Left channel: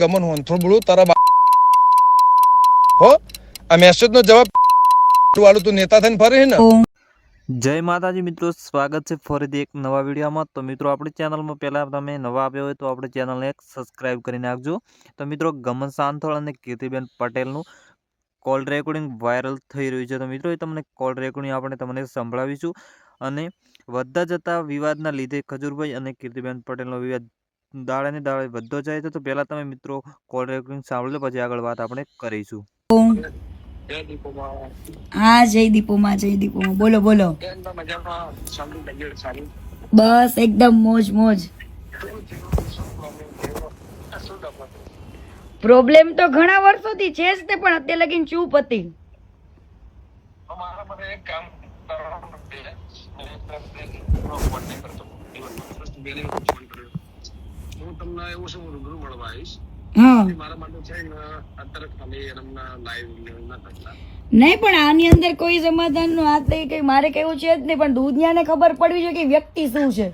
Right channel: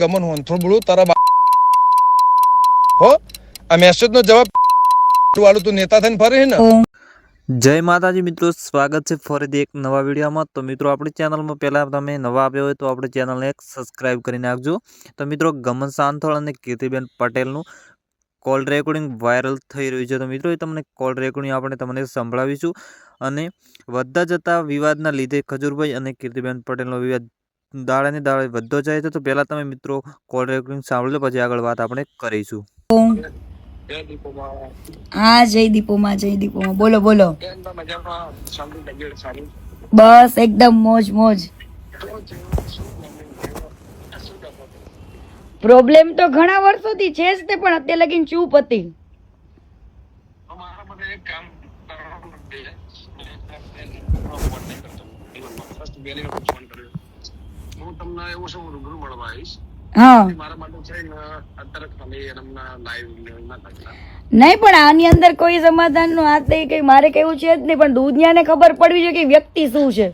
ગમન હોનથોડ બોલું તારા હો આ મેસેજ નો જવાબ વાળું તું નેતા થઈને ફરે ને। જય માતાજી મિત્રો, સ્વાગત છે ફરીથી એક નવા વિડીયોમાં। તો મિત્રો આપણી ચેનલમાં પહેલાં તમે નવા આવ્યા હોય તો આપણી ચેનલને એક સબસ્ક્રાઈબ કરી નાખજો। તો મિત્રો ગમન સાંથોળ અને કીર્તિબેન પટેલનું કોલ રેકોર્ડિંગ વાયરલ થઈ રહ્યું છે। તો મિત્રો એ તમને કોલ રેકોર્ડિંગ આપણે તમને સંભળાવીશું। અને વધતા જતા વિવાદના લીધે ખજૂરભાઈ અને કીર્તિબેન પટેલનો વિવાદ દાડે ને દાડે વધતો જાય છે। તો પહેલાં તમે મિત્રો કોલ રેકોર્ડિંગ સાંભળો, પછી આગળ વાત આપણે કરીશું। હા, જય દીપોમાં બોલો બોલો। બસ એકદમ મોજ મોજ। પ્રોબ્લેમ તો ઘણા વર્ષોથી છે જ તે, પણ અત્યારે લગીને ચૂપ હતી। હા, નહીં પણ આની અંદર કોઈ સમાધાન નું હાથ નહીં, કઈ મારે કેવું છે જ નહીં, પણ દુનિયાને ખબર પડવી જોઈએ કે વ્યક્તિ શું છે।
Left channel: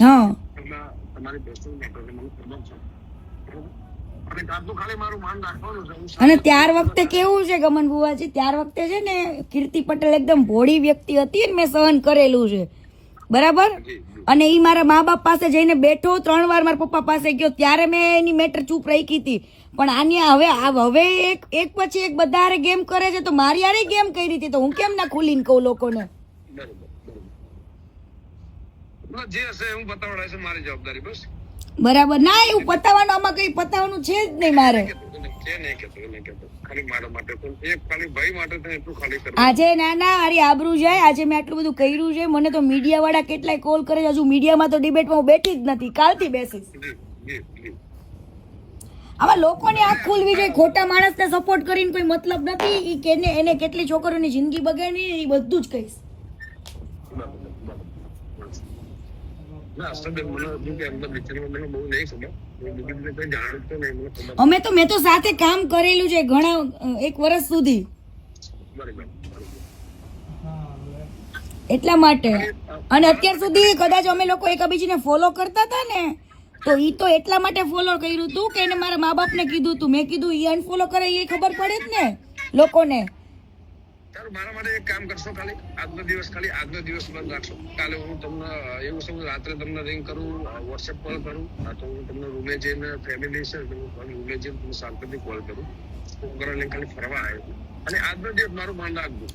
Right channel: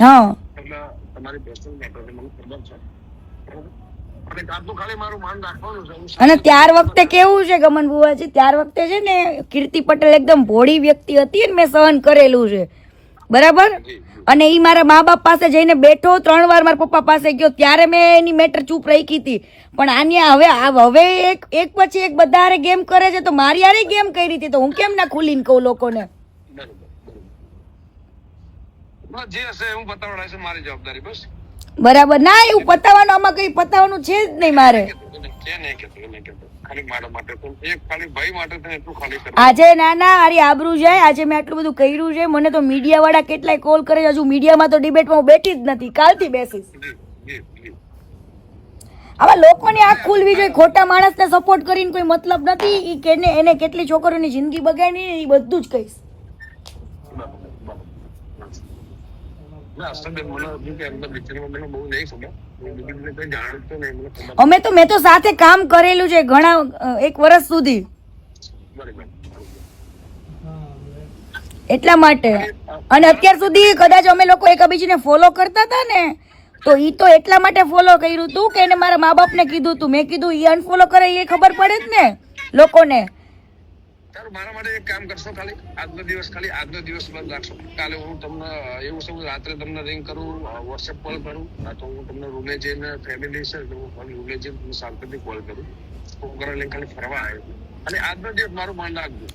હા, અને ત્યાર વખતે કેવું છે ગમન બુવાજી, ત્યાર વખતે છે ને કીર્તિ પટેલ એકદમ ભોળી વ્યક્તિ હતી ને મેં સહન કરેલું છે, બરાબર। અને ઈ મારા મા બાપ પાસે જઈને બેઠો, 3 વાર મારા પપ્પા પાસે ગયો, ત્યારે મેં એની મેટર ચૂપ રાખી હતી। પણ આની હવે એક પછી એક બધા હારે ગેમ કરે છે, તો મારી હારે ગેમ કરી હતી, તો હું કેમ ના ખુલીને કહું લોકોને। બરાબર ના, એવું પતાવવાનું આમાં કઈ પતાવવાનું છે જ નહીં મારે। આજે ના અરે આબરૂ જાય, આજે મેં આટલું બધું કર્યું છે, મને તો મીડિયા વાળા કેટલાય કોલ કરે, હજુ મીડિયામાં તો ડિબેટમાં હું બેઠી જ નથી, કાલથી બેસીશ। આવા લોકોની આંખ ખુલવી જોઈએ, ખોટા માણસને સપોર્ટ કરીને કોઈ મતલબ નથી। ઈ કે એને કેટલી છોકરીઓની જિંદગી બગાડી એ બધું જ કહીશ। મેં તો સાથે કામ કરેલું છે ઘણા 1 વર્ષ સુધી, એટલા માટે। અને અત્યાર સુધી કદાચ અમે લોકો એકબીજાને ફોલો કરતા હતા ને, તો ઈ તો એટલા માટે ફોલો કર્યું હતું કે એને મારા મા બાપ ને કીધું હતું, મેં કીધું ઈ અનફોલો કરે એ ખબર પડે જ ને લોકોને। મારા માટે એક કામ કરશો, ખાલી આજનો દિવસ બંધ રાખશો। કાલે હું તમને એવું છે, રાત્રે તમને રિંગ કરું, વોટ્સએપ કોલ કરું, તો હું તમને રૂમે જઈને ફેમિલી છે રૂમે જઈને શાંતિથી કોલ કરું, હું ઘરે લઈને ખાલી ફરવા આવ્યો, અને આજનો દિવસ મારું માન રાખજો।